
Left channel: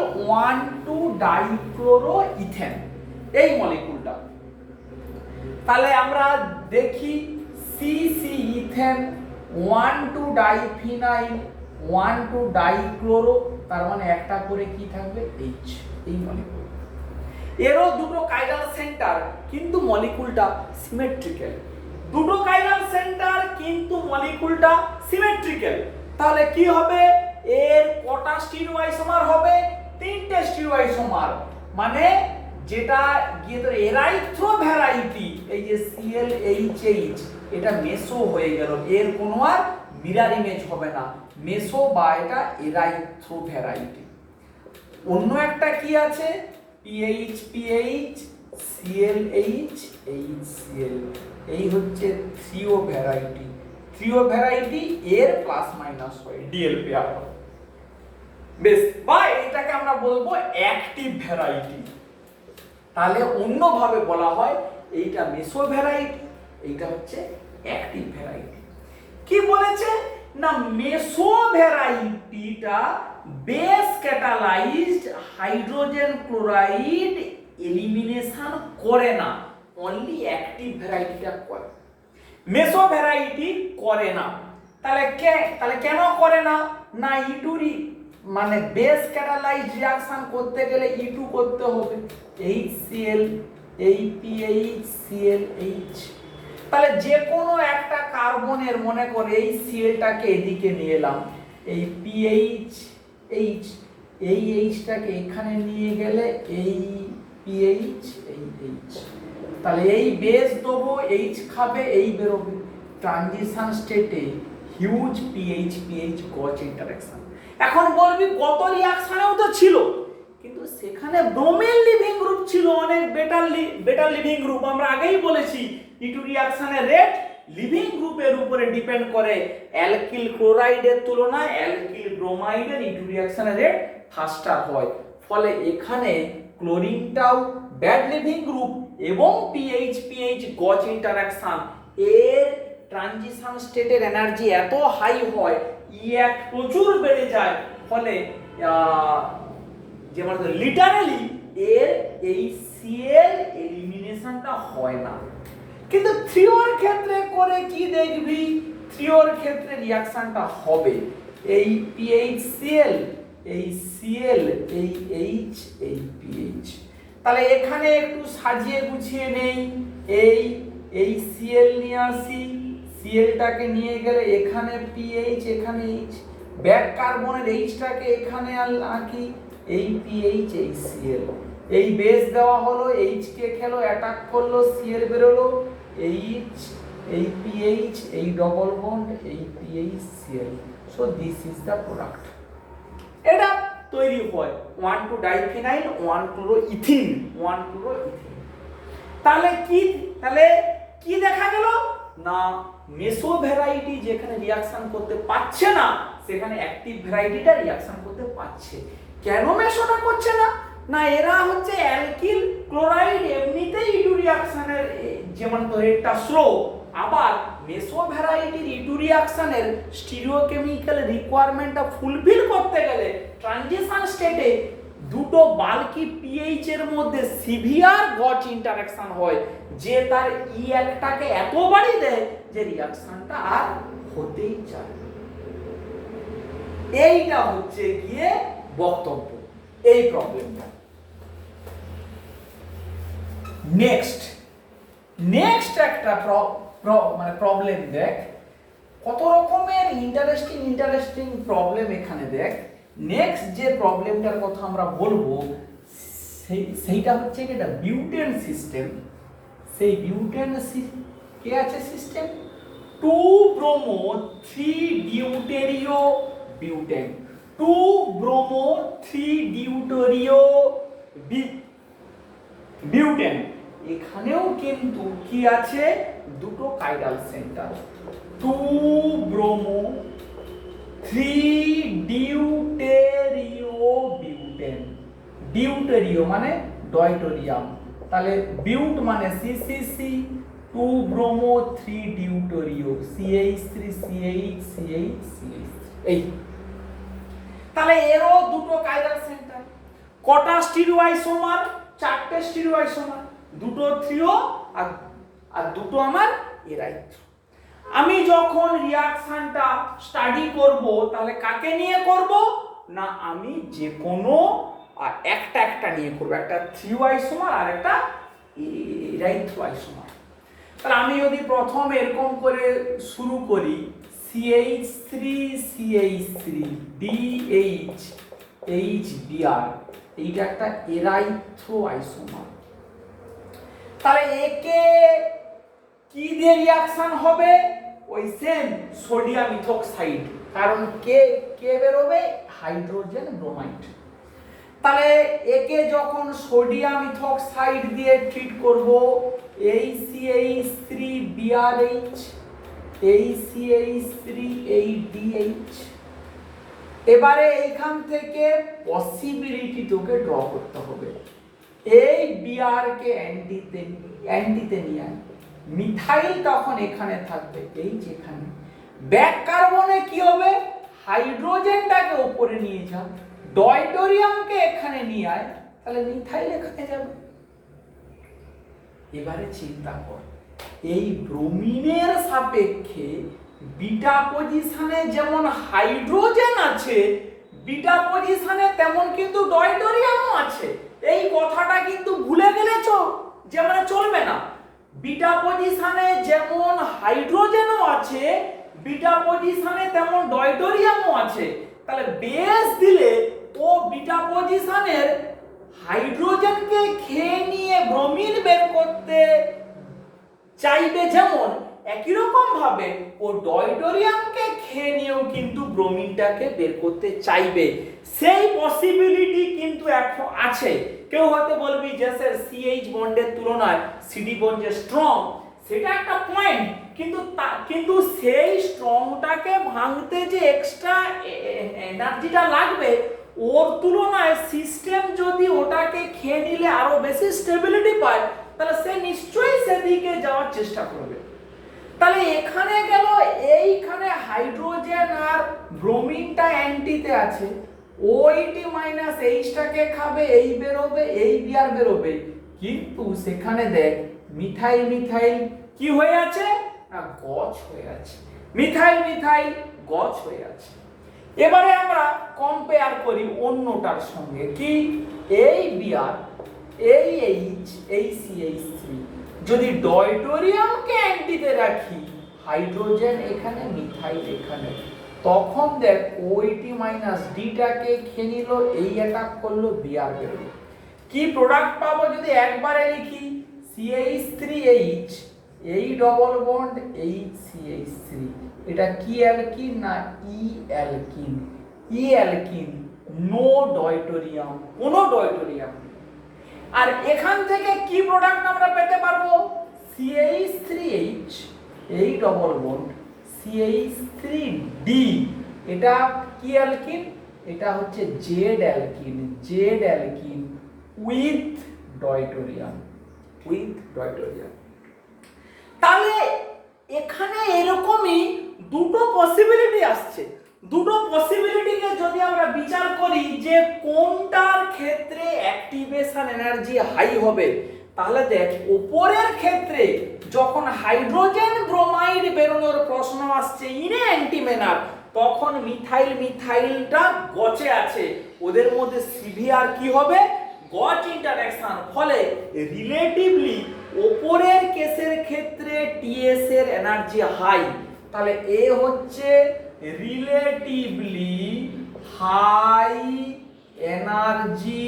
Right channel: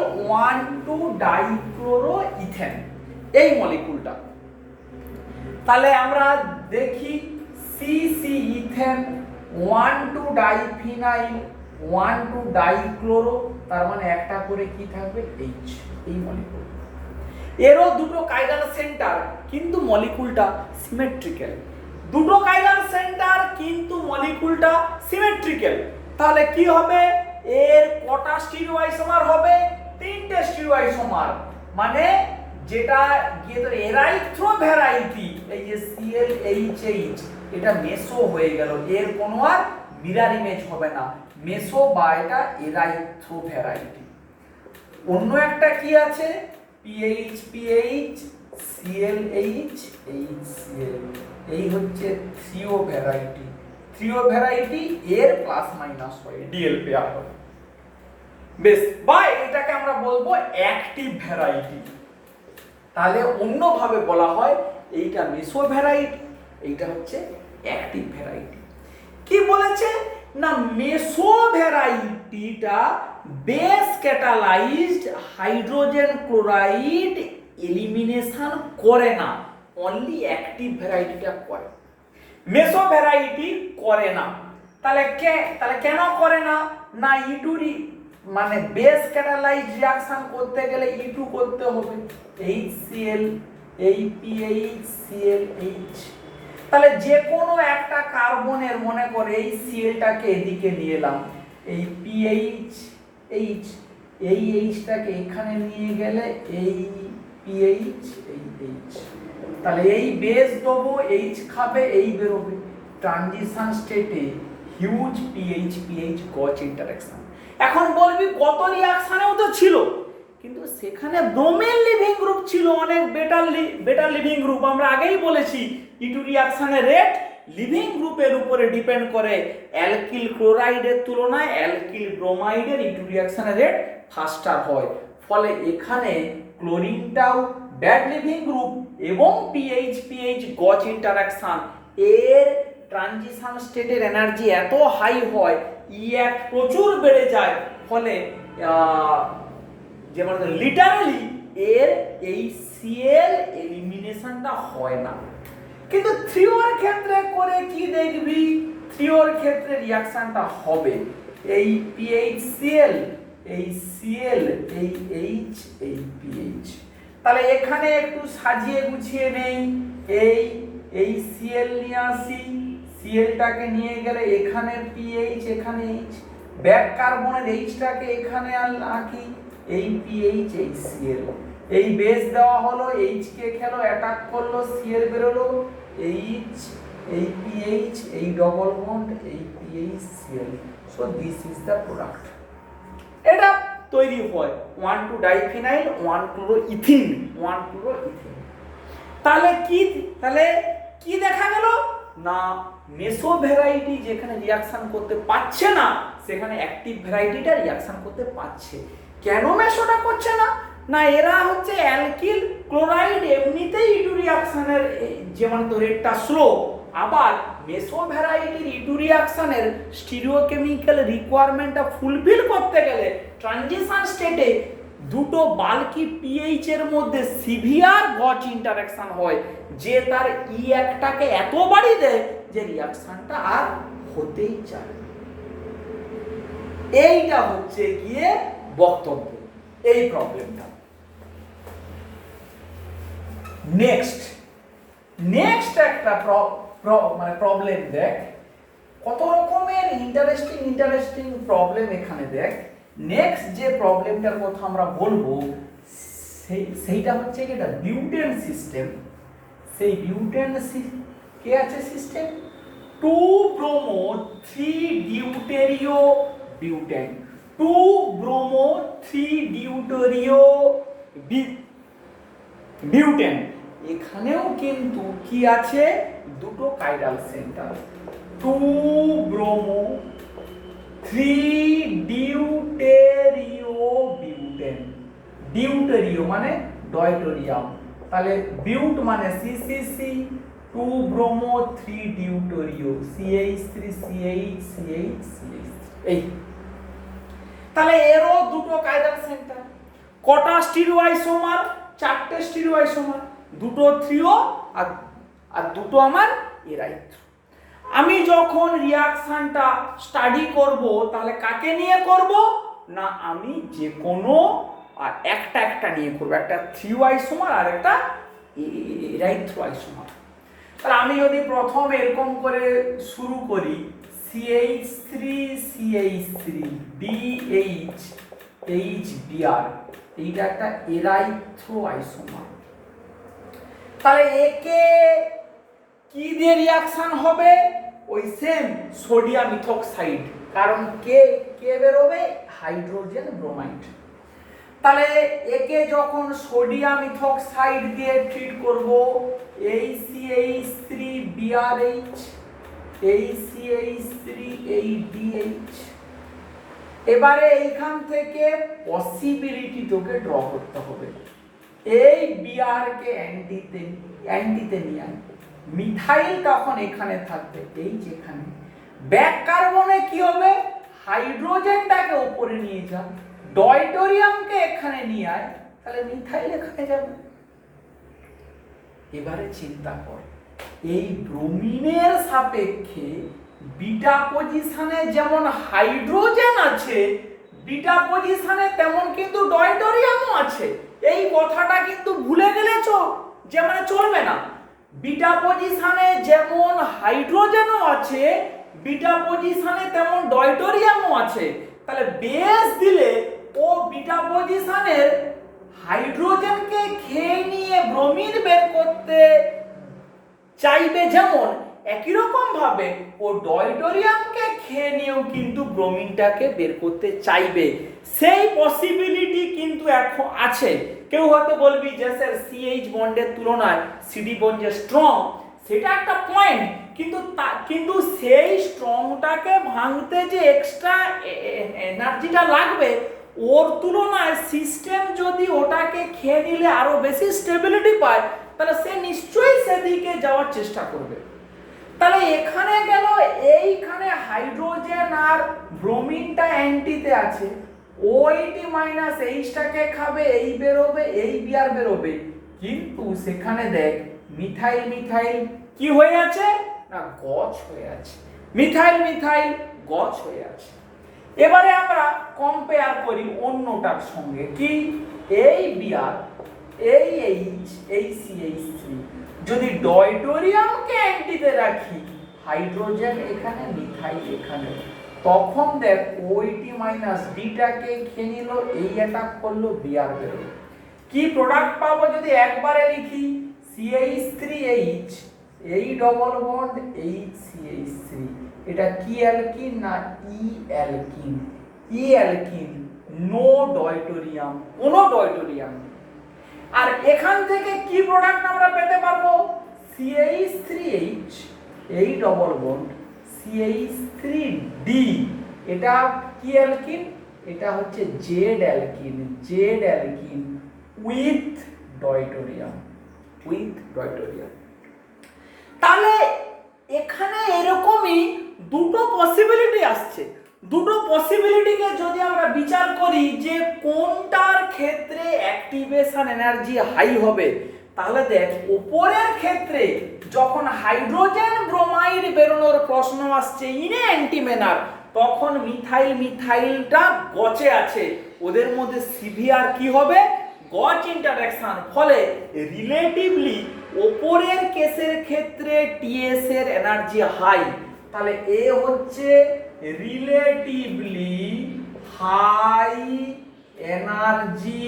1,2-ডাইক্লোরোইথেন এই মলিকুলটা, তাহলে আমরা দেখি সিসি ইথেন 1,2-ডাইফিনাইল 1,2-ডাইক্লোরো, তার মানে একটা করে কি থাকবে? এইচ। এই মলিকুল এরও দুটো কাইরাল সেন্টার, কিন্তু মলিকুলটা সিমেট্রিক্যাল। দুটো কাইরাল সেন্টার কিন্তু মলিকুলটা সিমেট্রিক্যাল। তাহলে কি হবে? এর কটা স্টিরিও আইসোমার হবে? 3টে স্টিরিও আইসোমার। মানে যেটা গিয়ে তো এরাইথ্রো ভ্যারাইটি, এই যে ClHH, এটা মেসো হয়ে গেল, এর কোনো আর মিরার ইমেজ হবে না, মেসো বা এটা এরাইথ্রো ভ্যারাইটি। অন্য একটা কি আছে? PH ClH HCl, এই হচ্ছে থ্রিও ভ্যারাইটি, এর প্লাস মাইনাস হয়, ডিএল পেয়ার। বেশ, বা এটাকে আমরা বলবো অ্যাক্টিভ ভ্যারাইটি। তাহলে অন্যভাবে বলা হয় এইটা মেসো ভ্যারাইটি, এইটা হচ্ছে অ্যাক্টিভ ভ্যারাইটি। কি বলেছে না, মেসো ভ্যারাইটিটা base catalysed hydrogen chloride elimination করে না, অনলি অ্যাক্টিভ ভ্যারাইটিটা করে, মেসো ভ্যারাইটি করে না। তাহলে কেন করে না? না, ইটুরি মানে বেস ক্যাটালাইজড রিঅ্যাকশন করতে গেলে ইটু করতে হবে, HCl এই PH ClH। তাহলে যে কোনো একটা কার্বনের, মনে করে এই Clটাকে এদিকে নিয়ে এলাম, এই PH এই Hটাকে এখানে নিয়ে গেলে এই PH এই H, তাহলে এই বেস দেবো, H খাবে, এই বেরোবে। ট্রানজিশন স্টেটে হিউজ PH গজ ইন্টারঅ্যাকশন। এখন বলবি কত রিঅ্যাকশনেও তো ছিল, কিন্তু সেখানে ব্রোমিন লিভিং গ্রুপ ছিল অনেক বেটার লিভিং গ্রুপ। আমরা আগেই বলেছি E2 রিঅ্যাকশনের রেট লিভিং গ্রুপের উপরে ডিপেন্ড করে। অ্যালকিল ক্লোরাইডের তুলনায় অ্যালকিল ব্রোমাইডের E2 রিঅ্যাকশনের রেট ফাস্টার হয়। ফলে এখানে ক্লোরিনটাও ব্যাড লিভিং গ্রুপ এবং পিএইচ গজ ইন্টারঅ্যাকশন এর ট্রানজিশন স্টেটের এনার্জি এত হাই হয়, E1 প্রচুর বেড়ে যায়। ফলে যেমন লিটারালি এর এই Cl এলিমিনেশনটা হয় না। কিন্তু 3ওর ক্ষেত্রে করে কি দেখবি, 3ওর ক্ষেত্রে রিঅ্যাকশনটা হবে। এই PHCl, এই Cl, এই H, এই PH। তাহলে এখানে একটু সাজিয়ে গুছিয়ে নেই। এই Cl নিয়ে আসি, Clটাকে নিয়ে গেলে এখানে PH, এখানে H, ব্যাক কার্বনের Hটাকে এখানে আঁকি, এই PH, এই Cl, এই বেস দেওয়া হলো, H কে খেলো, অ্যাটাক করলো, Cl বেরোলো, H, এই PH, এই ডবল বন্ড, এই PH Cl। So this is the product. এটা তৈরি হয় 1,2 ডাইফিনাইল 1,2 ইথিন 1,2 ইথিন। তাহলে কি দেখা গেল না, মেসো ভ্যারাইটি যেখানে রিঅ্যাকশন করতে পারছে না সেখানে অ্যাক্টিভ ভ্যারাইটিটা রিঅ্যাকশন করতে পারছে। কেন মেসোটা করছে না? না এরা হচ্ছে অ্যালকিল ক্লোরাইড এমনিতেই E2 রিঅ্যাকশনের যেমন রেটটা স্লো, আবার মেসো ভ্যারাইটির E2 রিঅ্যাকশনের স্টিরিওকেমিক্যাল রিকোয়ারমেন্টটা ফুলফিল করতে গেলে ট্রানজিশন স্টেটে দুটো বাল্কি পিএইচ এর মধ্যে সিভিয়ার গজ ইন্টারঅ্যাকশন হয়, যে তার E1টাকে এত বাড়িয়ে দেয় যে রিঅ্যাকশনটা আর হতেই চায় না। এইটা হচ্ছে গিয়ে বক্তব্য এই প্রবলেমটা। নেক্সট একটা মানে প্রবলেম দেখ, কত রকমের ইন্টারেস্টিং প্রবলেম এখানে দেখ। নেক্সট যে প্রবলেমটার কথা আমরা বলবো সেইটা হচ্ছে এটা বিউটেন সিস্টেম। সেই বিউটেন কে আছে system 2 bromo 3 deuterio butane, 2 bromo 3 deuterio butane. এখানেও কিন্তু কি আছে, দুটো chiral centre, 2 bromo 3 deuterio butane. Deuterio মানে ডয়টোরিয়াম, তাহলে বিউট মানে CCC, 2 bromo 3 deuterio CH3 CH CH CH। এই তাহলে এরও দুটো কাইরাল সেন্টার। কটা স্টিরিওআইসোমার? 4টে স্টিরিওআইসোমার, দুটো থ্রিও আর দুটো আমার এরাইথ্রো। আমি যখন রিঅ্যাকশনটা স্টাডি করব তাহলে কাকে নিয়ে করব না, আমি যে কোনো একটা নিয়ে করব, একটা থ্রিওআইসোমার আর একটা এরাইথ্রোআইসোমার। তাহলে আমি যদি প্রথম এরকম করে শুরু করি CH3 CH3 DH HBr, এইটা একটা এরাইথ্রোআইসোমার। তাহলে একে কি দিয়ে রিঅ্যাকশন হবে? ওই সেম সোডিয়াম ইথোক্সাইড, কারণ কে বেরোবে? Hydrogen bromide. তাহলে একে যখন সোডিয়াম ইথোক্সাইড দিয়ে ট্রিট করব, CH3BrH, CH3DH। এবারে এইখান থেকে পসিবিলিটি তোকে ড্র করতে হবে। এই বিআর কে অ্যান্টিতে নিয়ে আয়, মিথাইল তখন এখানে থাকবে, এই যেখানে ব্যাক কার্বনে কি হবে, হাইড্রোজেনটাকে উপরে নিয়ে যা, ডয়টোরিয়ামকে এখানে নিয়ে আয়, তাহলে মিথাইল এখানে যাবে। এবারে চিন্তা কর, এই ব্রোমিনের সাপেক্ষে বিটা পজিশনে যেমন হাইড্রোজেন আছে, বিটা পজিশনে তেমন কিন্তু ডয়টোরিয়ামও আছে। এই কথাটা কিন্তু ভুলে গেলে যে মানে চলবে না। বিটা পজিশনে যেমন হাইড্রোজেনও আছে, বিটা পজিশনে তেমন ডয়টোরিয়ামও আছে। তাহলে বেস দিলে ও বিটা পজিশনের হাইড্রোজেনকে খেয়ে নিয়ে ব্রোমিন বের করতে চাইবে, যেমন একই রকম ভাবে ও ডয়টোরিয়ামকে খেয়ে নিয়েও কিন্তু ব্রোমিনটাকে বের করতে চাইবে, সেই পসিবিলিটি কিন্তু এখন আছে। কেউ হয়তো বলবি যে স্যার সিএইচ বন্ডের তুলনায় সিডি বন্ড যে স্ট্রং, সেটা একটা পয়েন্ট, কিন্তু সেই স্ট্রংটাকে ভাঙতে যে এক্সট্রা এনার্জিটা লাগবে, ওর তুলনায় সিস্টেম যদি ওটাকে খেয়ে নিলে আরো বেশি স্টেবিলিটি পায়, তাহলে সে নিশ্চয়ই সেদিকে যাওয়ার চেষ্টা করবে। তাহলে এখানে গেল, এইখানে হাইড্রোজেন আর ব্রোমিনটা অ্যান্টিতে আছে, OH মাইনাস এইচটাকে খাবে, এই বেরোবে, এই বিআর বেরোবে, কিন্তু সেখানে দেখ মিথাইল মিথাইল কি হয়ে আছে না গছ হয়ে আছে, মিথাইল মিথাইল গছ হয়ে আছে। এবারে আমরা কম্পেয়ার করি অন্যটার সঙ্গে, কি এই বিআর এই এইচ এই CH3 যদি ডয়টোরিয়ামকে অ্যান্টিতে রাখি, হাইড্রোজেন এখানে মিথাইল এখানে, তখন দেখ OH মাইনাস ডিটাকে খেয়ে নিল, এই অ্যাটাক করলো, বিআর বেরোলো। কি প্রোডাক্ট পাবো যদি একবারে লিখি, CH3H এই ডবল বন্ড এই CH3, এটা কি অ্যালকিন না ই অ্যালকিন, ই অ্যালকিন, নো ডয়টোরিয়াম, কোনো ডয়টোরিয়াম। আর এখান থেকে কি প্রোডাক্ট আমরা পেতে পারবো, CH3H এই ডবল বন্ড CH3D, এটা কি অ্যালকিন, এটা হচ্ছে Z alkene, Z alkene with deuterium, with deuterium. তাহলে এখানে এরকমই দুটো পসিবিলিটি আসছে, দুটো পসিবিলিটিকে যদি আমরা বিচার করি যে কোনটার ক্ষেত্রে অ্যাক্টিভেশন এনার্জি হাই হবে, তাহলে দেখ উপরের ক্ষেত্রে যখন হাইড্রোজেন ব্রোমাইড বেরোনোর প্রশ্ন আসছে ইনে অ্যান্টিমেনার, তখন মিথাইল মিথাইলটা গচে আছে, ওদের মধ্যে সিভিয়ার কি হবে গচ ইন্টারঅ্যাকশন, ফলে রিলেটিভলি উপরের কেসের ক্ষেত্রে টিএস এর এনার্জি হাই। তাহলে এ হচ্ছে relatively high energy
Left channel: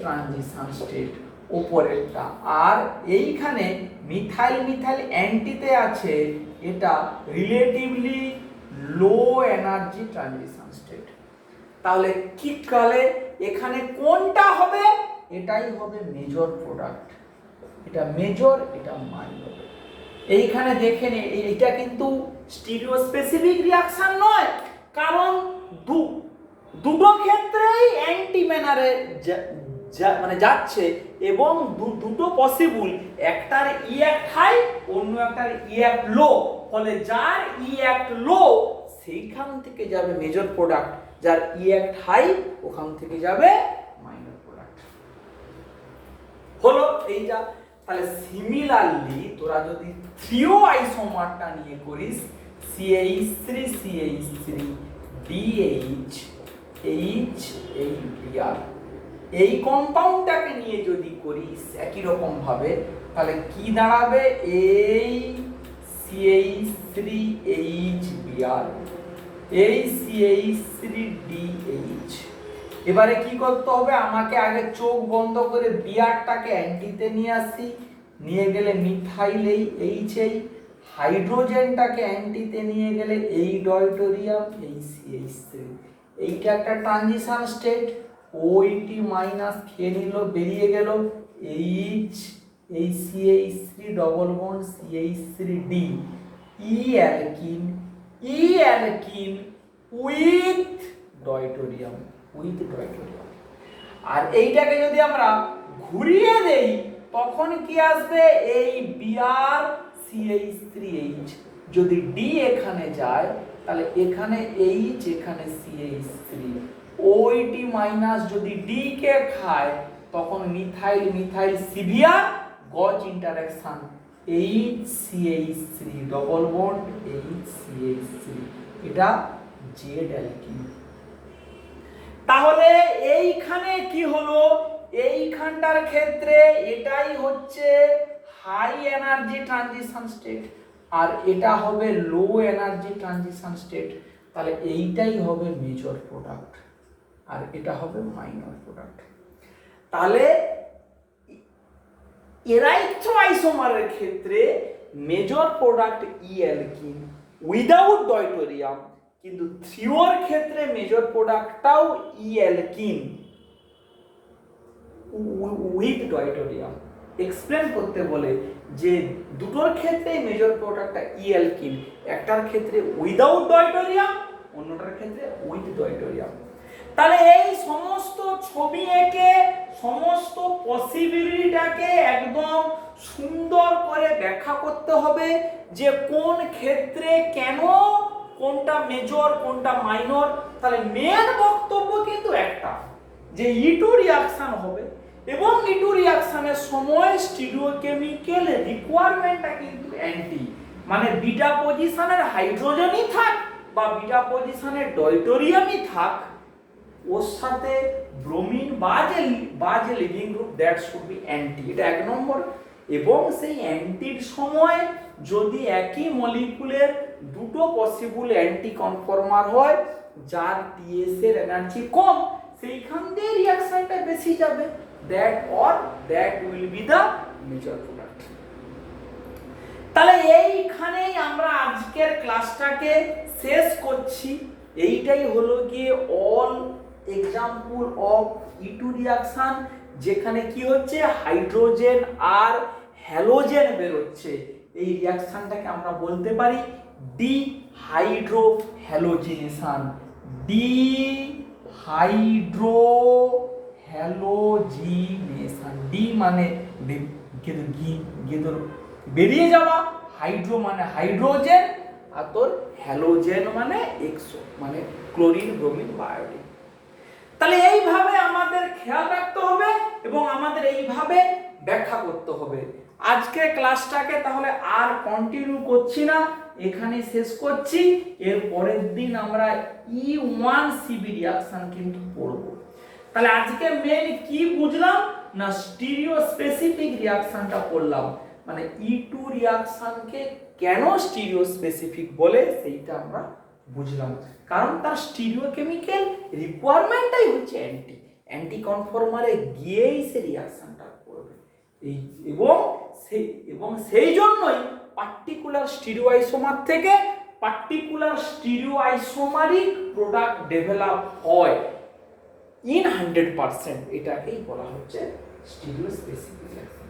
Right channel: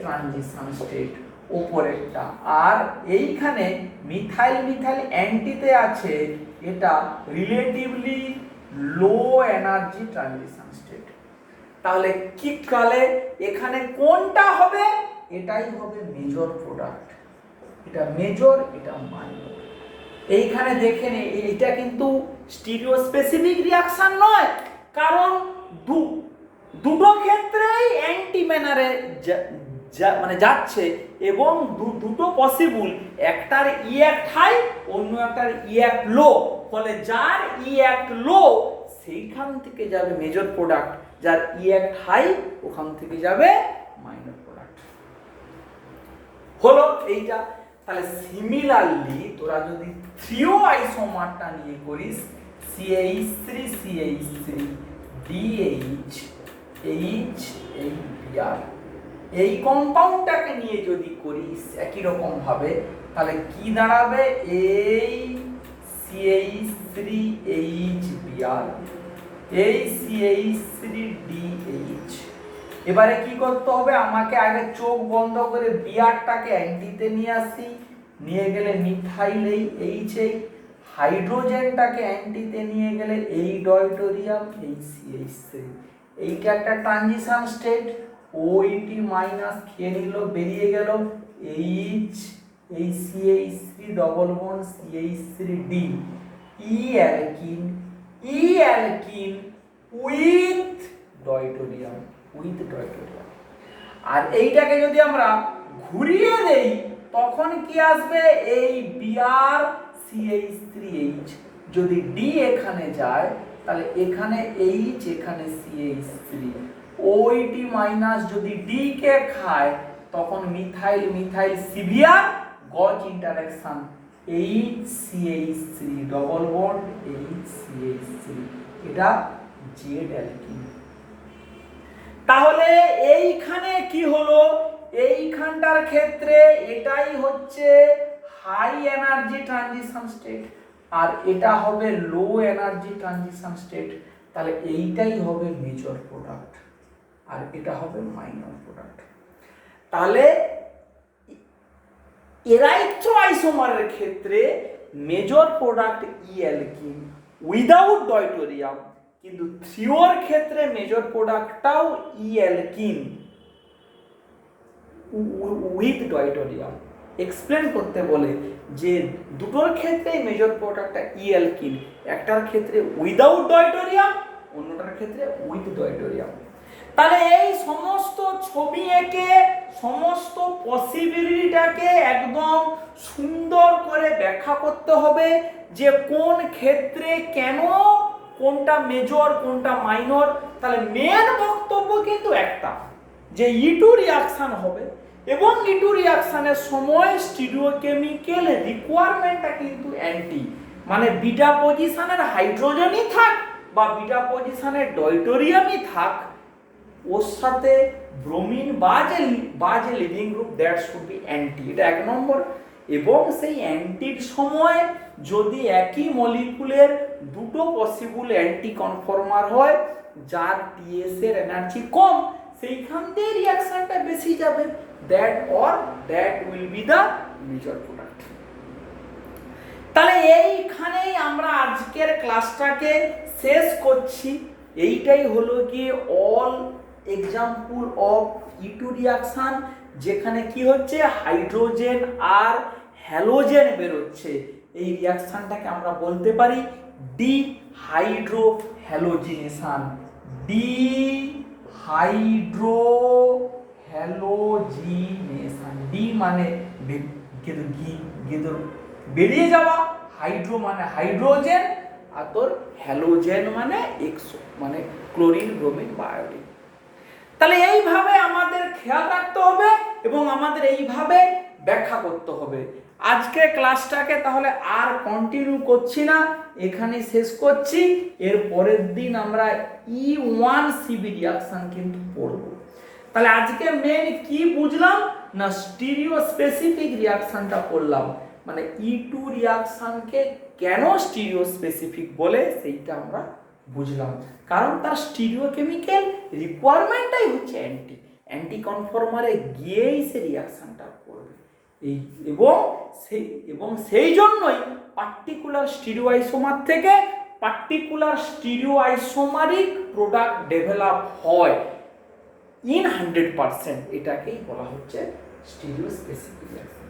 transition state উপরেরটা, আর এইখানে মিথাইল মিথাইল অ্যান্টিতে আছে, এটা relatively low energy transition state. তাহলে কি কালে এখানে কোনটা হবে, এটাই হবে মেজর প্রোডাক্ট, এটা মেজর এটা মাইনর। এইখানে দেখে নে, এটা কিন্তু স্টিরিও স্পেসিফিক রিঅ্যাকশন নয়, কারণ দুটো ক্ষেত্রেই অ্যান্টিমেনারে মানে যাচ্ছে, এবং দুটো পসিবল, একটার ই অ্যাক্ট হাই অন্য একটার ই অ্যাক্ট লো, ফলে যার ই অ্যাক্ট লো সেইখান থেকে যাবে মেজর প্রোডাক্ট, যার ই অ্যাক্ট হাই ওখান থেকে যাবে মাইনর প্রোডাক্ট। হলো এইটা। তাহলে সিমিলারলি তোরা যদি থ্রিও আইসোমারটা নিয়ে করিস, CH3 CH3 DH H এই বিআর, এই কম্পাউন্ডটাকে নিয়ে যদি করিস একই রকম ভাবে, তাহলে কি দাঁড়াবে, এই CH3H বিআর এই CH3DH। এবারে কি করতে হবে, আমাকে আগে চোখ বন্ধ করে বিআরটাকে অ্যান্টিতে নিয়ে আসি, নিয়ে গেলে মিথাইল এই এইচ, এই হাইড্রোজেনটাকে অ্যান্টিতে নিয়ে গেলে এই ডয়টোরিয়াম এই CH3, এইটা একটা ট্রানজিশন স্টেট, OH মাইনাস খেয়ে নিল, বেরিয়ে গেল এইচ এই CH3 double bond CH3D, E alkene, E alkene with deuterium, with deuterium. আর এইটাকে যদি আমরা ঘুরিয়ে দেই, তখন কি আসবে, এই বিআর CH3H, যদি ডি এখানে যায় তাহলে এখানে এইচ এখানে CH3, OH মাইনাস যদি ডি কে খায়, তখন মিথাইল মিথাইল সিভিয়ার গজ interaction, HCH3 double bond HCH3, এটা জেড অ্যালকিন। তাহলে এইখানে কি হলো, এইখানটার ক্ষেত্রে এটাই হচ্ছে হাই এনার্জি ট্রানজিশন স্টেট, আর এটা হবে লো এনার্জি ট্রানজিশন স্টেট। তাহলে এইটাই হবে মেজর প্রোডাক্ট আর এটা হবে মাইনর প্রোডাক্ট। তাহলে এরাইথ্রোআইসোমারের ক্ষেত্রে major product E alkene without deuterium, কিন্তু থ্রিওর ক্ষেত্রে মেজর প্রোডাক্টটাও E alkene with deuterium. Explain করতে বলে যে দুটোর ক্ষেত্রেই মেজর প্রোডাক্টটা ই অ্যালকিন, একটার ক্ষেত্রে উইদাউট ডয়টোরিয়াম, অন্যটার ক্ষেত্রে উইথ ডয়টোরিয়াম। তাহলে এই সমস্ত ছবি এঁকে সমস্ত পসিবিলিটিটাকে একদম সুন্দর করে ব্যাখ্যা করতে হবে যে কোন ক্ষেত্রে কেন কোনটা মেজর কোনটা মাইনর। তাহলে মেন বক্তব্য কিন্তু একটা, যে E2 রিঅ্যাকশন হবে এবং E2 রিঅ্যাকশনের সময় স্টিরিওকেমিক্যাল রিকোয়ারমেন্টটা কিন্তু অ্যান্টি, মানে বিটা পজিশনের হাইড্রোজেনই থাক বা বিটা পজিশনের ডয়টোরিয়ামই থাক, ওর সাথে ব্রোমিন বা যে living group that should be anti, এটা এক নম্বর। এবং সেই অ্যান্টির সময় যদি একই মলিকুলের দুটো পসিবল অ্যান্টি কনফর্মার হয় যার টিএস এর এনার্জি কম, সেইখান দিয়ে রিঅ্যাকশনটা বেশি যাবে, that will be the major product. তাহলে এইখানেই আমরা আজকের ক্লাসটাকে শেষ করছি। এইটাই হলো গিয়ে all example of E2 reaction, যেখানে কি হচ্ছে হাইড্রোজেন আর হ্যালোজেন বেরোচ্ছে। এই রিঅ্যাকশনটাকে আমরা বলতে পারি dehydro halogenation. Dehydro halogenation, D মানে বেরিয়ে যাওয়া, হাইড্রো মানে হাইড্রোজেন, আর তোর হ্যালোজেন মানে এক্সো মানে ক্লোরিন ব্রোমিন বা আয়োডিন। তাহলে এইভাবে আমাদের খেয়াল রাখতে হবে এবং আমাদের এইভাবে ব্যাখ্যা করতে হবে। আজকের ক্লাসটাকে তাহলে আর কন্টিনিউ করছি না, এখানে শেষ করছি। এর পরের দিন আমরা E1CB রিঅ্যাকশন কিন্তু পড়ব। তাহলে আজকে মেইন কি বুঝলাম না, স্টিরিও স্পেসিফিক রিঅ্যাকশনটা পড়লাম, মানে E2 রিঅ্যাকশনকে কেন স্টিরিও স্পেসিফিক বলে সেইটা আমরা বুঝলাম, কারণ তার স্টিরিওকেমিক্যাল রিকোয়ারমেন্টটাই হচ্ছে অ্যান্টি কনফর্মারে গিয়েই সে রিঅ্যাকশনটা করবে। এবং সেই জন্যই পার্টিকুলার স্টিরিওআইসোমার থেকে পার্টিকুলার স্টিরিওআইসোমারিক প্রোডাক্ট ডেভেলপ হয় ইন 100%, এটাকেই বলা হচ্ছে স্টিরিও স্পেসিফিক রিঅ্যাকশন।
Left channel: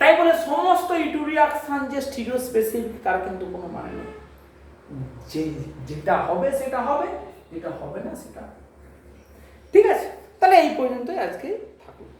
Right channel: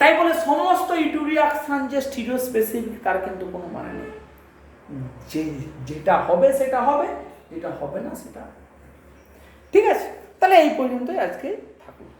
তাই বলে সমস্ত E2 রিঅ্যাকশন যে স্টিরিও স্পেসিফিক তার কিন্তু কোনো মানে নেই। যেটা হবে সেটা হবে, যেটা হবে না সেটা। ঠিক আছে, তাহলে এই পর্যন্তই আজকে থাকুক।